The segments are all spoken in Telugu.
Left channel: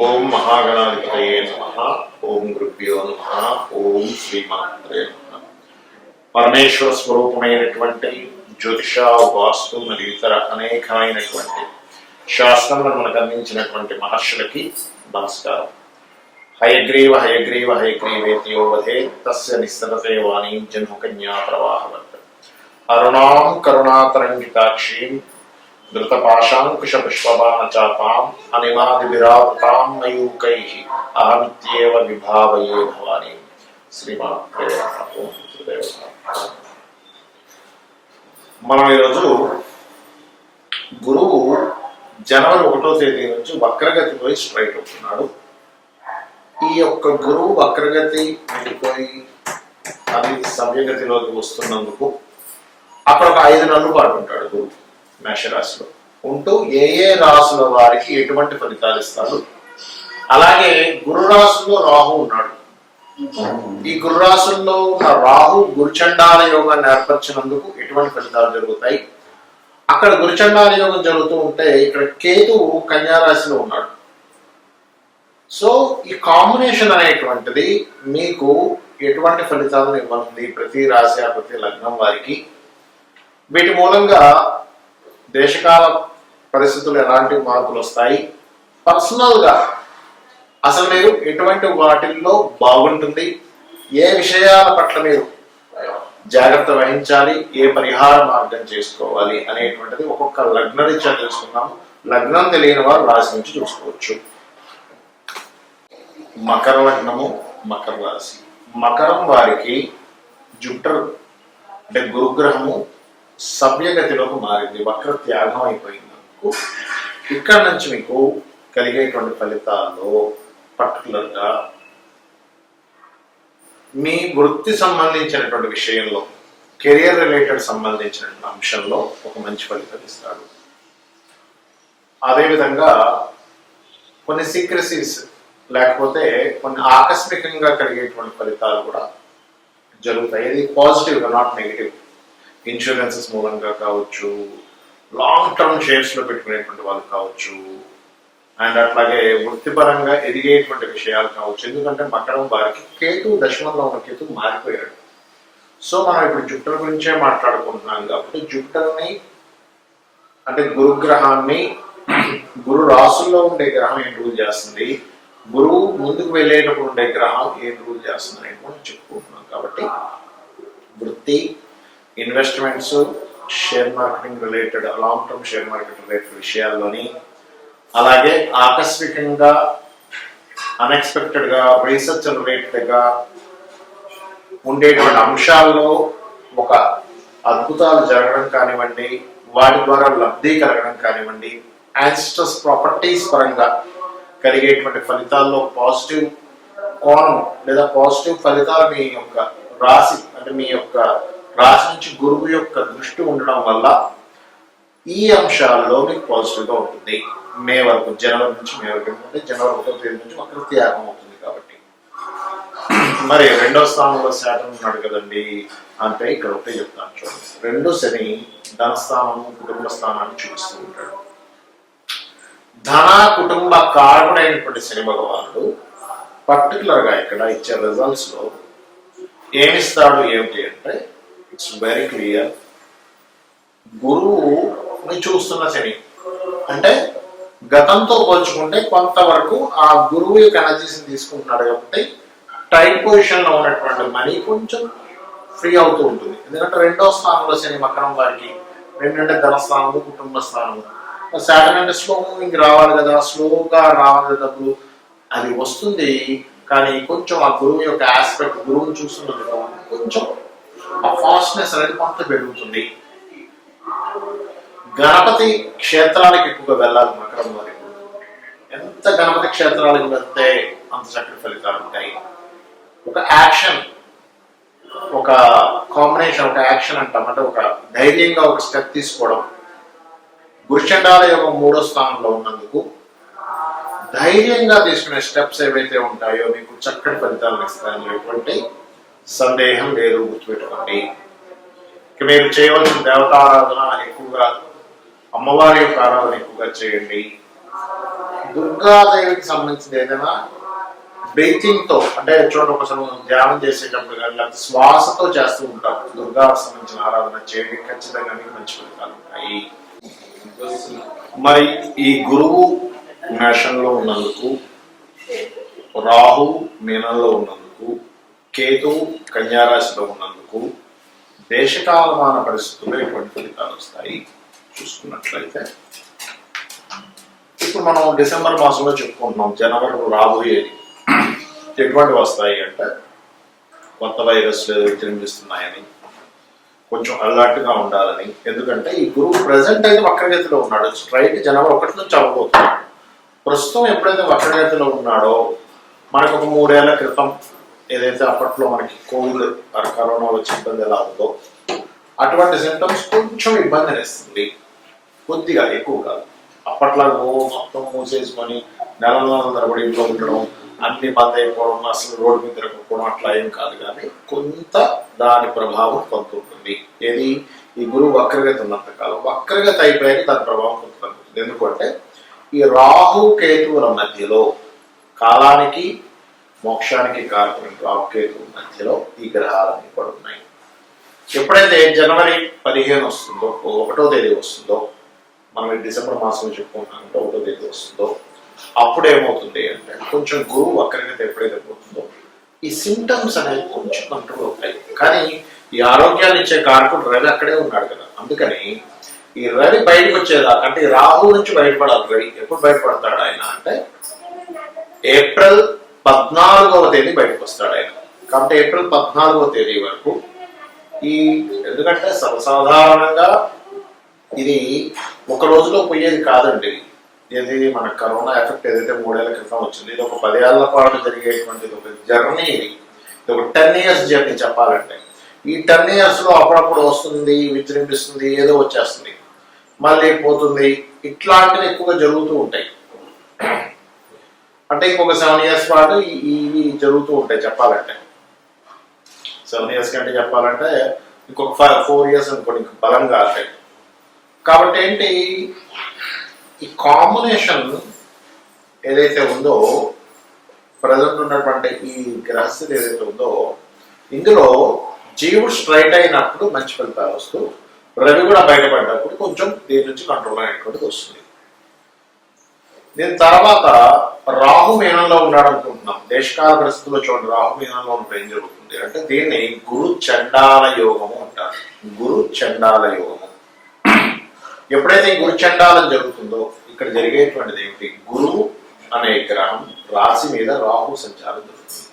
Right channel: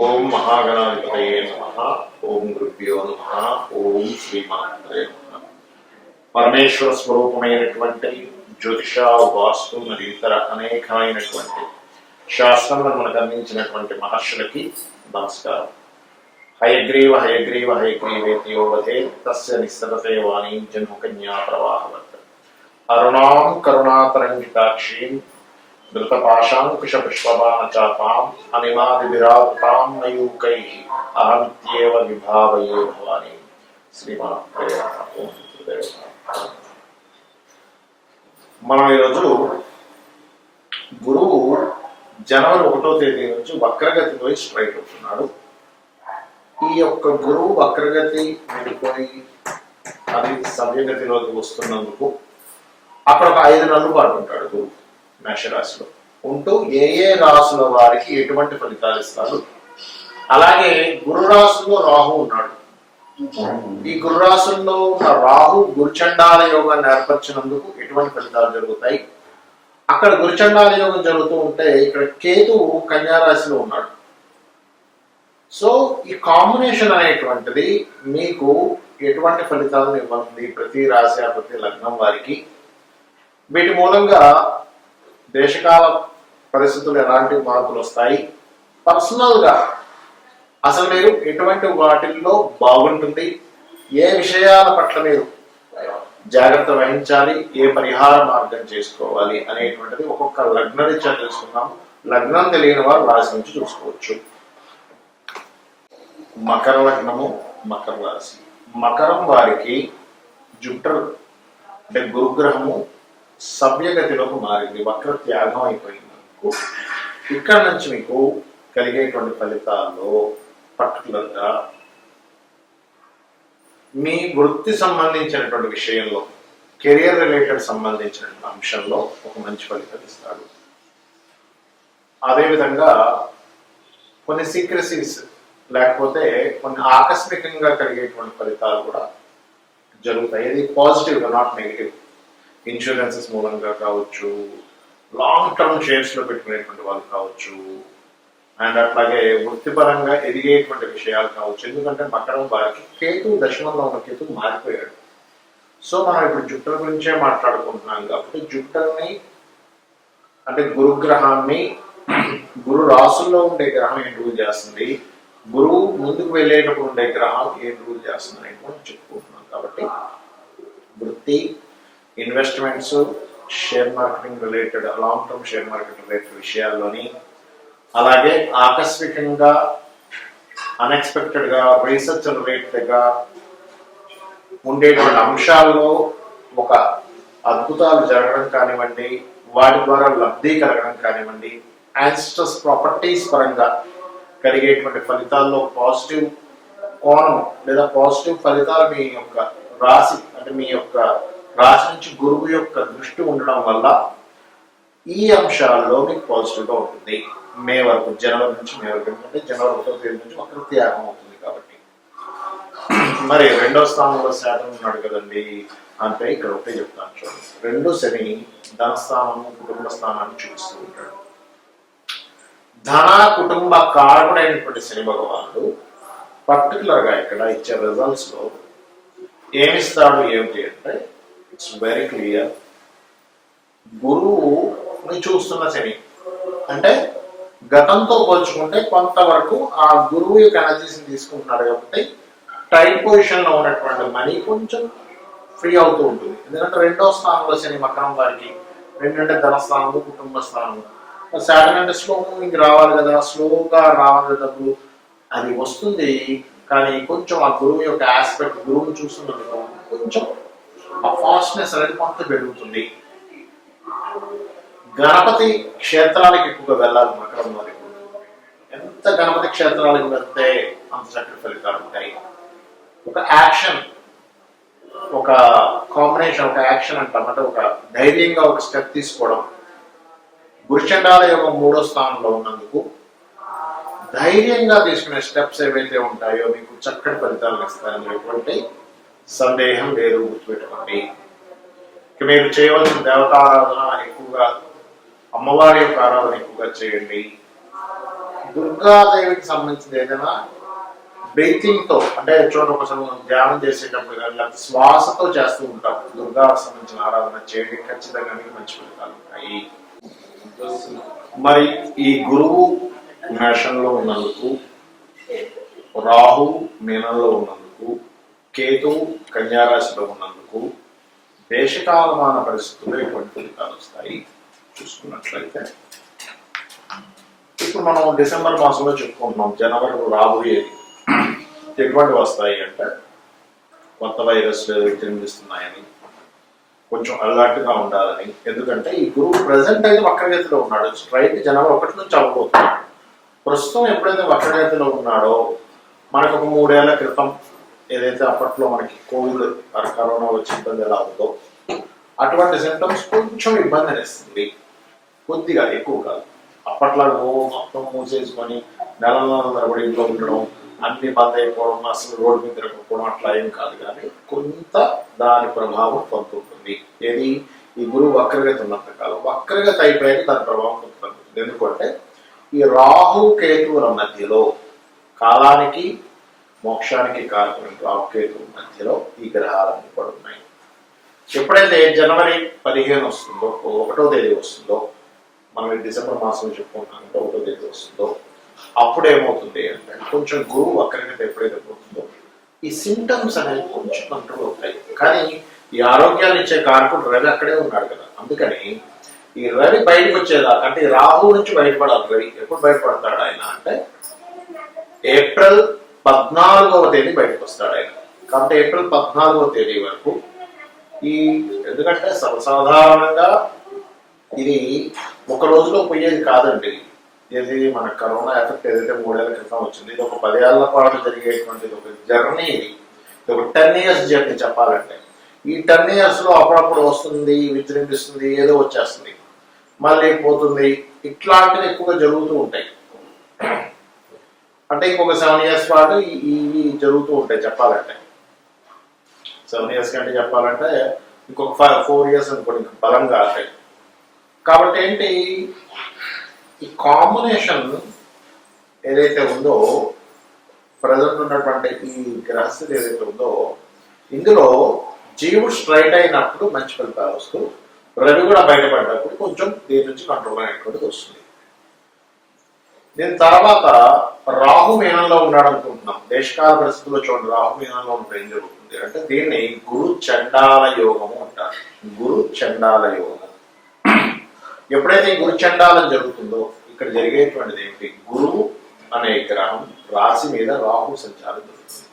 ఓం మహాగణాధిపతయే నమ. ఓం గురుభ్యో నమ. ఓం శ్రీమాత్రే నమ. పరమేశ్వర స్వరూపమైనటువంటి జ్యోతిష వాస్తు మరియు ఇతర అనేకమైనటువంటి శాస్త్రంలో మనకు అందించినటువంటి మహర్షులకి నమస్కారం. హయగ్రీవ హయగ్రీవ హయగ్రీవేతయోవధే తస్య నిస్సరతే వాణీం జన్మకన్యా ప్రవాహవత్. అరుణాం కరుణాతరంగితాక్షీం ధృతపాశాంకుశ పుష్పబాణచాపాం అనిమాదిభిరావృతాం అహమిత్యేవ విభావయే భవాని శ్రీమాత్రే మనం ఈరోజు గురువు జనవరి ఒకటో తేదీ నుంచి వక్రగతి పోయి స్ట్రైట్ అవుతున్నాడు ఈ యొక్క గురువు వక్రగతి వెళ్ళిపోయి అది సవ్యగతిలోకి వస్తున్నందుకు అక్కడ ఒక ఐదు నెలలు పాటు ఉంటాడు గురువు. మేషరాశిలో. ఉంటూ ఏ ఏ రాశుల వారికి ఎటువంటి ఫలితాలు ఇస్తారు అలాగే గురు రాశుల్లో రాహు ఉన్నాడు. ఈ గురు రాశుల్లో ఉన్న రాహు గురుచండాల యోగాన్ని ఏర్పరిచినందుకు ఎటువంటి ఫలితాలు జరుగుతాయి? అక్కడ గురుచండాల యోగం జరుగుతూ ఉంటే ఇక్కడ కేతువు కన్యారాశిలో ఉన్నాడు. సో ఈ కాంబినేషన్ అనేటువంటిది మీకు ఎటువంటి ఫలితాలను ఇవ్వనుంది? ప్రతి రాశి ప్రతి లగ్నం వారికి. వీటి మూలంగా దేశకాల పరిస్థితులు ఎలాంటి మార్పులు వస్తాయి? పర్సనల్గా అసలు మీరు ఎటువంటి వాటిల్లో బాగుంటుంది? ఏ విషయాల పట్ల మీరు జాగ్రత్త వహించాలి? ఏ పరిహార మార్గం చేసుకోవాలి? అనేటువంటిది ఒక్కొక్క లగ్న రీత్యా తెలుసుకుందాం లగ్నం తెలియని వారు రాశి నుంచి చూసుకోవచ్చు. మకర లగ్నము మకర రాశి. మకరం వారికి జుప్టర్ అంటే గురుగ్రహము సవ్యగతిలోకి మారింది వక్ర త్యాగం అయిపోయినందుకు ఇక్కడ నుంచి మీకు కలిగేటువంటి ఫలితాల్లో పర్టికులర్గా మీ వృత్తి సంబంధించినటువంటి విషయంలో కెరియర్ రిలేటెడ్ సంబంధించినటువంటి అంశంలో ఒక మంచి ఫలితం ఇస్తాడు. అదేవిధంగా కొన్ని సీక్రసీస్ లేకపోతే కొన్ని ఆకస్మికంగా కలిగేటువంటి ఫలితాలు కూడా జరుగుతాయి. ఇది పాజిటివ్గా నాట్ నెగిటివ్ ఇన్సూరెన్సెస్ మూలంగా కావచ్చు లాంగ్ టర్మ్ షేర్స్లో పెట్టుకునేటువంటి వాళ్ళు కావచ్చు అండ్ అట్లాగే వృత్తిపరంగా ఎదిగేటువంటి విషయాలు కావచ్చు. ఎందుకంటే మకరం వారికి కేతు దశమంలో ఉన్న కేతు మారిపోయాడు. సో మనం ఇప్పుడు జుప్టర్ గురించే మాట్లాడుకుంటున్నాం కాబట్టి జుప్టర్ని అంటే గురుగ్రహాన్ని గురు రాసుల్లో ఉండే గ్రహం ఏం రూల్ చేస్తుంది? గురువు ముందుకు వెళ్ళేటప్పుడు ఉండే గ్రహం ఏం రూల్ చేస్తుంది అని చెప్పుకుంటున్నాం కాబట్టి వృత్తి investments share marketing related long term share market related విషయాల్లోని అలాగే ఆకస్మికంగా అన్ఎక్స్పెక్టెడ్గా రీసెర్చ్ రిలేటెడ్గా ఉండేటువంటి అంశాల్లో ఒక అద్భుతాలు జరగడం కానివ్వండి వాటి ద్వారా లబ్ధి కలగడం కానివ్వండి యాన్స్టర్స్ ప్రాపర్టీస్ పరంగా కలిగేటువంటి ఫలితాల్లో పాజిటివ్ కోణం లేదా పాజిటివ్ ఫలితాలు మీ యొక్క రాశి అంటే మీ యొక్క రాశి నుంచి గురువు యొక్క దృష్టి ఉండడం వల్ల ఈ అంశాల్లో మీకు పాజిటివ్గా ఉంటుంది. మే వరకు జనవరి నుంచి మే వరకు ఎందుకంటే జనవరి ఒకటో తేదీ నుంచి వక్ర త్యాగం అవుతుంది కాబట్టి. మరి రెండో స్థానంలో శాతం ఉన్నాడు కదండి. అంటే ఇక్కడ ఒకటే చెప్తాను చూడండి. రెండు శని ధనస్థానము కుటుంబ స్థానాన్ని చూపిస్తూ ఉంటాడు. ధన కుటుంబ కారకుడైనటువంటి శని భగవానుడు పర్టికులర్గా ఇక్కడ ఇచ్చే రిజల్ట్స్లో ఏమిస్తాడు ఏమిటి అంటే ఇట్స్ వెరీ క్లియర్ గురువుని చూస్తున్న శని. అంటే గతంతో పోల్చుకుంటే కొంతవరకు ఆ గురువు యొక్క ఎనర్జీస్ని తీసుకుంటున్నాడు కాబట్టి టైట్ పొజిషన్లో ఉన్నటువంటి మనీ కొంచెం ఫ్రీ అవుతూ ఉంటుంది. ఎందుకంటే రెండో స్థానంలో శని మకరం వారికి. రెండంటే ధనస్థానము కుటుంబ స్థానము. సాటర్న్ అంటే స్లో మూవింగ్ రావాలి కదా స్లోగా రావాలి కదా డబ్బులు అది వస్తుంది. కానీ కొంచెం ఆ గురువు యొక్క ఆస్పెక్ట్ గురువుని చూస్తున్నందుకు కొంచెం ఆ ఫాస్ట్నెస్ అనేది కొంత పెరుగుతుంది. గణపతి క్షేత్రాలకు ఎక్కువగా వెళ్ళాలి మకరం వారి. ఎంత గణపతి క్షేత్రాలకు వెళ్తే అంత చక్కటి ఫలితాలు ఉంటాయి. ఒక యాక్షన్ ఒక కాంబినేషన్ ఒక యాక్షన్ అంటాం అంటే ఒక ధైర్యంగా ఒక స్టెప్ తీసుకోవడం. గురుచండాల యొక్క మూడో స్థానంలో ఉన్నందుకు ధైర్యంగా తీసుకునే స్టెప్స్ ఏవైతే ఉంటాయో మీకు చక్కటి ఫలితాలు ఇస్తాయని ఎటువంటి సందేహం లేదు గుర్తుపెట్టుకోండి. ఇక మీరు చేయవలసిన దేవతారాధన ఎక్కువగా అమ్మవారి యొక్క ఆరాధన ఎక్కువగా చేయండి. దుర్గాదేవికి సంబంధించిన ఏదైనా బ్రీతింగ్తో అంటే చూడండి ఒకసారి మనం ధ్యానం చేసేటప్పుడు కానీ లేకపోతే శ్వాసతో చేస్తూ ఉంటాం. దుర్గా సంబంధించిన ఆరాధన చేయండి. ఖచ్చితంగా మీకు మంచి ఫలితాలు ఉంటాయి. మరి ఈ గురువు మేషంలో ఉన్నందుకు రాహు మీనంలో ఉన్నందుకు కేతు కన్యారాశిలో ఉన్నందుకు దేశకాలమాన పరిస్థితుల్లో ఎటువంటి ఫలితాలు వస్తాయి? చూసుకున్నట్లయితే ఇప్పుడు మనం డిసెంబర్ మాసంలో చెప్పుకుంటున్నాం జనవరిలో రాబోయేది ఎటువంటి వస్తాయి అంటే కొత్త వైరస్లు విజృంభిస్తున్నాయని కొంచెం అలర్ట్గా ఉండాలని. ఎందుకంటే ఈ గురువు ప్రజెంట్ అయితే వక్రగతిలో ఉన్నాడు. స్ట్రైట్ జనవరి ఒకటి నుంచి అవ్వబోతున్నాడు. ప్రస్తుతం ఎప్పుడైతే వక్రగతిలో ఉన్నాడో మనకు ఒక మూడేళ్ళ క్రితం ఏదైతే అప్పట్లో మనకి కోవిడ్ ఆ కరోనా వచ్చి ఇబ్బంది ఎలా ఉందో అటువంటి సిమ్టమ్స్ కొంచెం ఇబ్బంది ఇస్తుంది కొద్దిగా ఎక్కువ కాదు. అప్పట్లో మొత్తం మూసేసుకొని నెల నెలల తరబడి ఇంట్లో ఉండడం అన్ని బంద్ అయిపోవడం అసలు రోడ్డు మీద తిరగకపోవడం అట్లా ఏం కాదు. కానీ కొంత దాని ప్రభావం కొంత ఉంటుంది. ఏది? ఈ గురువు వక్రగతి ఉన్నంత కాలం. వక్రగతి అయిపోయాక దాని ప్రభావం కొంత తగ్గుతుంది. ఎందుకంటే ఈ రాహు కేతువుల మధ్యలో కాలానికి మోక్షానికి కారకుని రాహు మధ్యలో ఈ గ్రహాలన్నీ కూడా ఉన్నాయి. ఎప్పుడైతే జనవరి పదిహేను వస్తుందో ఒకటో తేదీ వస్తుందో మనం డిసెంబర్ మాసంలో చెప్పుకుంటామంటే అంటే ఒకటో తేదీ వస్తుందో అప్పుడు ఏమవుతుంది అంటే కొంచెం గురువు వక్రగతి ఎప్పుడైతే పోతుందో ఈ సిమ్టమ్స్ అనేవి కొంచెం కంట్రోల్ అవుతాయి. కానీ ఈ ఆరోగ్యాన్ని ఇచ్చే కారకుడు రవి అక్కడే ఉన్నాడు కదా. అందుకని ఈ రవి బయటకు వచ్చేదాకా అంటే ఈ రాహు నుంచి బయటపడాలి. రవి ఎప్పుడు బయటపడతాడు ఆయన అంటే? ఏప్రిల్ పద్నాలుగవ తేదీ బయటకు వస్తాడు ఆయన. కాబట్టి ఏప్రిల్ పద్నాలుగవ తేదీ వరకు ఈ ఎందుకంటే సర్వసాధారణంగా ఇది ఒక రోజులో పోయేది కాదండి. ఇది మన కరోనా ఎఫెక్ట్ ఏదైతే మూడేళ్ళ క్రితం వచ్చింది ఇది ఒక పదేళ్ళ పాటు జరిగేటువంటి ఒక జర్నీ ఇది. ఇది ఒక టెన్ ఇయర్స్ జర్నీ చెప్పాలంటే. ఈ టెన్ ఇయర్స్లో అప్పుడప్పుడు వస్తుంది విజృంభిస్తుంది ఏదో వచ్చేస్తుంది. మళ్ళీ పోతుంది. ఇట్లాంటివి ఎక్కువగా జరుగుతూ ఉంటాయి. అంటే ఇంకొక సెవెన్ ఇయర్స్ పాటు ఇవి జరుగుతూ ఉంటాయి చెప్పాలంటే. సెవెన్ ఇయర్స్ కంటే చెప్పాలంటే ఇంకొక ఫైవ్ ఫోర్ ఇయర్స్ అనుకోండి ఇంక బలంగా ఉంటాయి కాబట్టి ఏంటి? ఈ కాంబినేషన్ ఏదైతే ఉందో ప్రజెంట్ ఉన్నటువంటి ఈ గ్రహస్థితి ఏదైతే ఉందో ఇందులో జీవుడు స్ట్రైట్ అయినప్పుడు మంచి ఫలితాలు వస్తూ రవి కూడా బయటపడ్డప్పుడు కొంచెం దీని నుంచి కంట్రోల్ అనేటువంటిది వస్తుంది. దీని తర్వాత రాహు మీనంలో ఉన్నాడు అనుకుంటున్నాం. దేశకాల పరిస్థితుల్లో చూడండి రాహు మీనంలో ఉన్నప్పుడు ఏం జరుగుతుంది అంటే దీన్ని గురు చండాల యోగము అంటారు. గురు చండాల యోగము. ఎప్పుడైతే గురు చండాలం జరుగుతుందో ఇక్కడ జరిగేటువంటిది ఏమిటి? గురువు అనే గ్రహం రాశి మీద రాహు సంచారం జరుగుతుంది.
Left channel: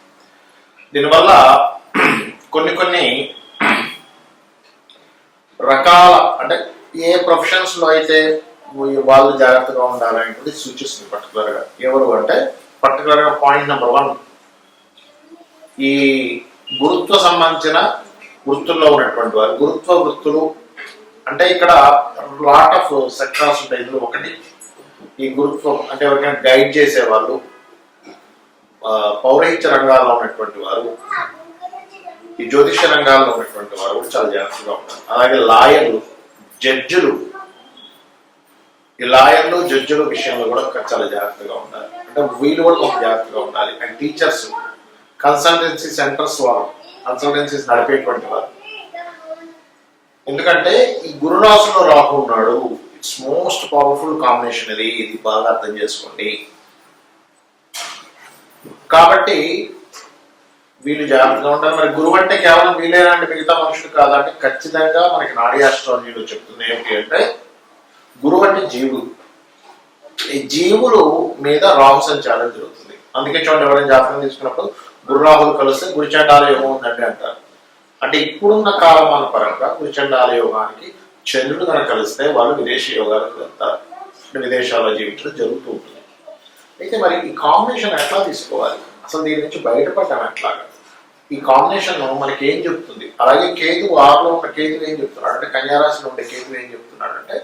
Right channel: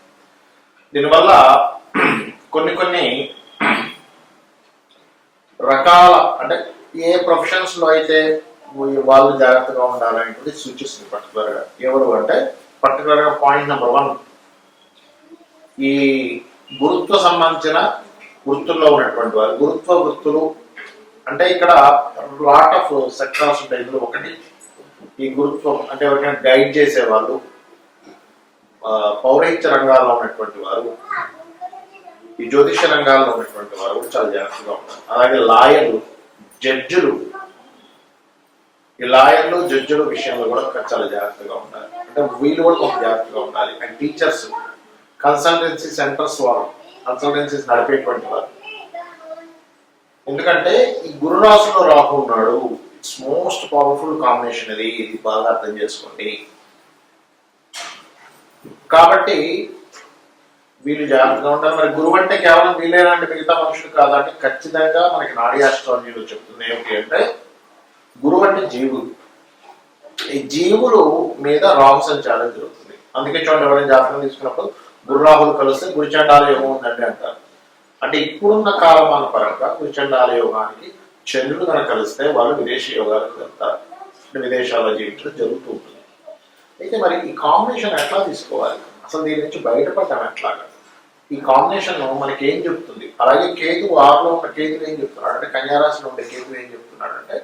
దీనివల్ల కొన్ని కొన్ని రకాల అంటే ఏ ప్రొఫెషన్స్లో అయితే వాళ్ళు జాగ్రత్తగా ఉండాలనేటువంటి సూచిస్తుంది పర్టికులర్గా ఎవరు అంటే పర్టికులర్గా పాయింట్ నెంబర్ వన్ ఈ గురుత్వ సంబంధించిన వృత్తుల్లో ఉన్నటువంటి వారు గురుత్వ వృత్తులు అంటే ఇక్కడ లాట్ ఆఫ్ సెక్టార్స్ ఉంటాయి. ఇందులో ఒకటి ఈ గురుత్వం అంటే ఎవరికైనా గైడ్ చేసే వాళ్ళు పౌరహిత్య రంగాల్లో ఉన్నటువంటి వారు ఈ జ్యోతిష రంగాల్లో ఉన్నటువంటి వారు కూడా చాలా జాగ్రత్తగా ఉంటారు. అలాగే లాయర్లు జడ్జిలు ఈ లాయర్లు జడ్జిల విషయంలో కూడా చాలా జాగ్రత్తగా ఉండాలి. అంటే వీళ్ళు కూడా కొంచెం జాగ్రత్తగా ఉండాలి. అండ్ టీచర్స్ కన్సల్టెన్సీ సెంటర్స్ వారు కన్సల్టెన్సీస్ నడిపేటువంటి వారు ఎందుకంటే ఈ గురురాశిలో రాహు ఉన్నాడు ఇట్స్ మోస్ట్ పవర్ఫుల్ కాంబినేషన్ ఇది ఇది బాగా అర్థం చేసుకోండి. కాబట్టి వీళ్ళు జాగ్రత్తగా ఉండాలి. మరి గురువు అంటే కేవలం వీలేనంటే మిగతా మనుషులు కాదంటే ఖచ్చితంగా మనకి నాడీ ఆస్ట్రాలజీలో చెప్తుంది ఏమిటి అంటే గురువు అంటే జీవులు. ఈ జీవులు మీద రాహు సంచారం జరుగుతుంది. అందుకే చూడండి ఎవరైనా జాతకం తీసుకున్నప్పుడు గురు రాహులు కలిస్తే గురుచండాల యోగం ఉందండి అంటారు. అంటే ఇప్పుడున్న కాలమాన పరంగా గురుచండాల యోగానికి చంద్రుడు కనుక కలిస్తే వాళ్ళు విదేశీ యోగాలకు వెళ్తారు. అంటే విదేశాల్లో జీవించడం జరుగుతూ ఉంటుంది. అయితే మరి ఈ కాంబినేషన్ ఎట్లా తీసుకోవాలి? అసలు దీని నుంచి బయటపడటం ఎట్లాగా? ఈ కాంబినేషన్ మనకి ఏం చెప్తుంది? అలాగే కేతు ఆరులో ఉన్న కేతులు ఏం చెప్తున్నాడు? అంటే కన్యారాశిలో ఉండే కేతులు ఏం చెప్తున్నాడు? అంటే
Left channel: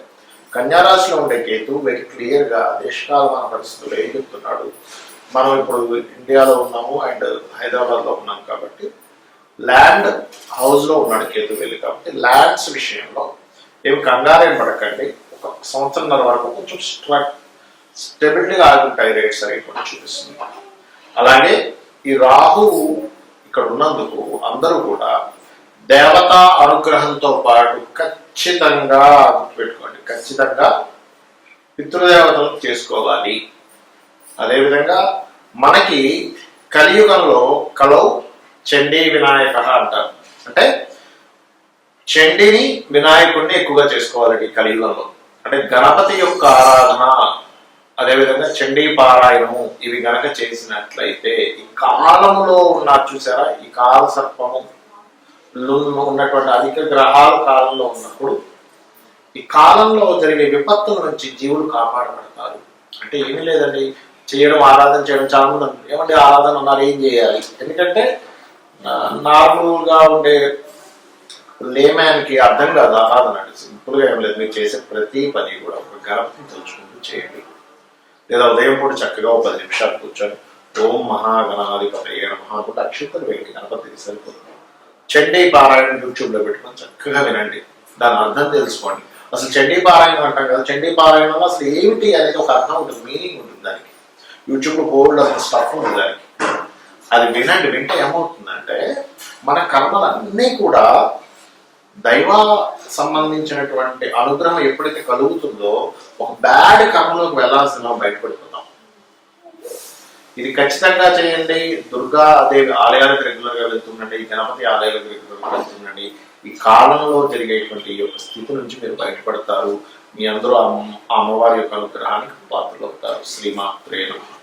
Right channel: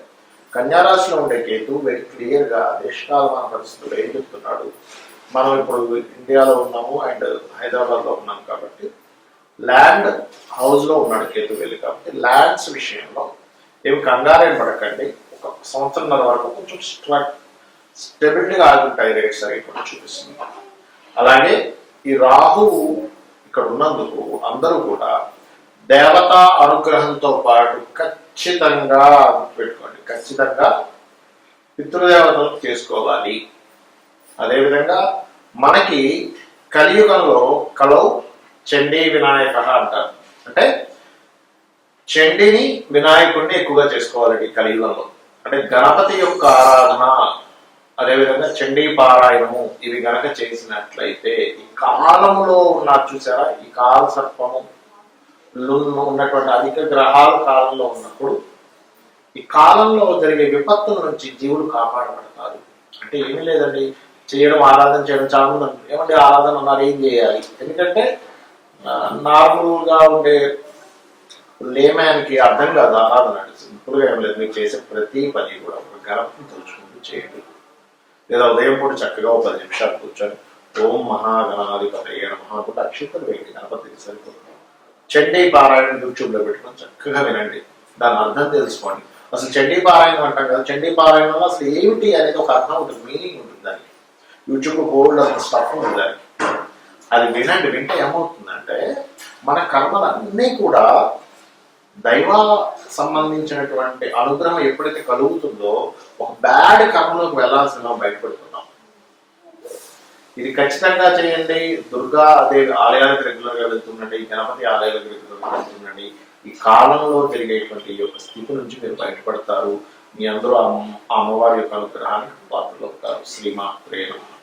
కన్యారాశిలో ఉండే కేతు వెరీ క్లియర్గా దేశకాలమాన పరిస్థితుల్లో ఏం చెప్తున్నాడు? మనం ఇప్పుడు ఇండియాలో ఉన్నాము అండ్ హైదరాబాద్లో ఉన్నాం కాబట్టి ల్యాండ్ హౌస్లో ఉన్నాడు కేతు వెళ్ళి కాబట్టి ల్యాండ్స్ విషయంలో ఏమి కంగారేం పడకండి. ఒక సంవత్సరంన్నర వరకు కొంచెం స్ట్రక్ స్టెబిలిటీగా ఆగుంటాయి రేట్స్ అనేవి కూడా చూపిస్తుంది. అలాగే ఈ రాహువు ఇక్కడ ఉన్నందుకు అందరూ కూడా దేవతా అనుగ్రహంతో పాటు ఖచ్చితంగా పెట్టుకోండి ఖచ్చితంగా పితృదేవతలకు చేసుకోవాలి. అదేవిధంగా మనకి కలియుగంలో కలౌ చండీ వినాయక అంటారు. అంటే చండిని వినాయకుడిని ఎక్కువగా చేసుకోవాలండి కలియుగంలో. అంటే గణపతి యొక్క ఆరాధన అదేవిధంగా చండీ పారాయణము ఇవి గనక చేసినట్లయితే ఈ కాలంలో ఉన్న చూసారా? ఈ కాల సర్పము ఉన్నటువంటి అధిక గ్రహాలు కాలంలో ఉన్నప్పుడు ఈ కాలంలో జరిగే విపత్తుల నుంచి జీవులు కాపాడబడతారు అంటే ఏమీ లేదండి. చేయడం ఆరాధన చేయడం చాలా మంది అంటారు. ఏమంటే ఆరాధన ఉన్నారు ఏం చేయాలి? ఎందుకంటే నార్మల్గా ఉండే లేమ్యాన్కి అర్థం కాదు ఆరాధన అంటే. సింపుల్గా ఏం లేదు. మీరు చేసే ప్రతి పని కూడా ఒక గర్భం తెలుసుకుంటూ చేయండి. లేదా ఉదయం పూట చక్కగా ఒక పది నిమిషాలు కూర్చొని ఓం మహాగణాధిపతి నమః అనుకుంటే అక్షింతలు వేయండి. గణపతికి సరిపోతుంది. చండీ పారాయణ యూట్యూబ్లో పెట్టుకొని చక్కగా వినండి. దాని అర్థం తెలుసుకోండి. అసలు చండీ పారాయణం అంటాం కదా చండీ పారాయణంలో అసలు ఏమిటి అనేది ఒక అర్థం ఉంటుంది మీనింగ్ ఉంటుంది దానికి. యూట్యూబ్లో బోల్డ్ అసలు స్టఫ్ ఉంది దానికి. అది వినండి వింటే ఏమవుతుందంటే మన కర్మలన్నీ కూడా దైవ సంబంధించినటువంటి అనుగ్రహం ఎప్పుడైతే కలుగుతుందో ఒక బ్యాడ్ కర్మలోకి వెళ్ళాల్సిన బయటపడిపోతాం. ఇది ఖచ్చితంగా చేయండి. దుర్గా దేవి ఆలయాలకు రెగ్యులర్గా వెళ్తుండండి. గణపతి ఆలయాలకు రెగ్యులర్గా వెళ్తుండండి. ఈ కాలంలో జరిగేటువంటి యొక్క స్థితి నుంచి మీరు బయటపడతారు. మీ అందరూ ఆ అమ్మ- ఆ అమ్మవారి యొక్క అనుగ్రహానికి పాత్రలు అవుతారు. శ్రీమాత్రే నమః.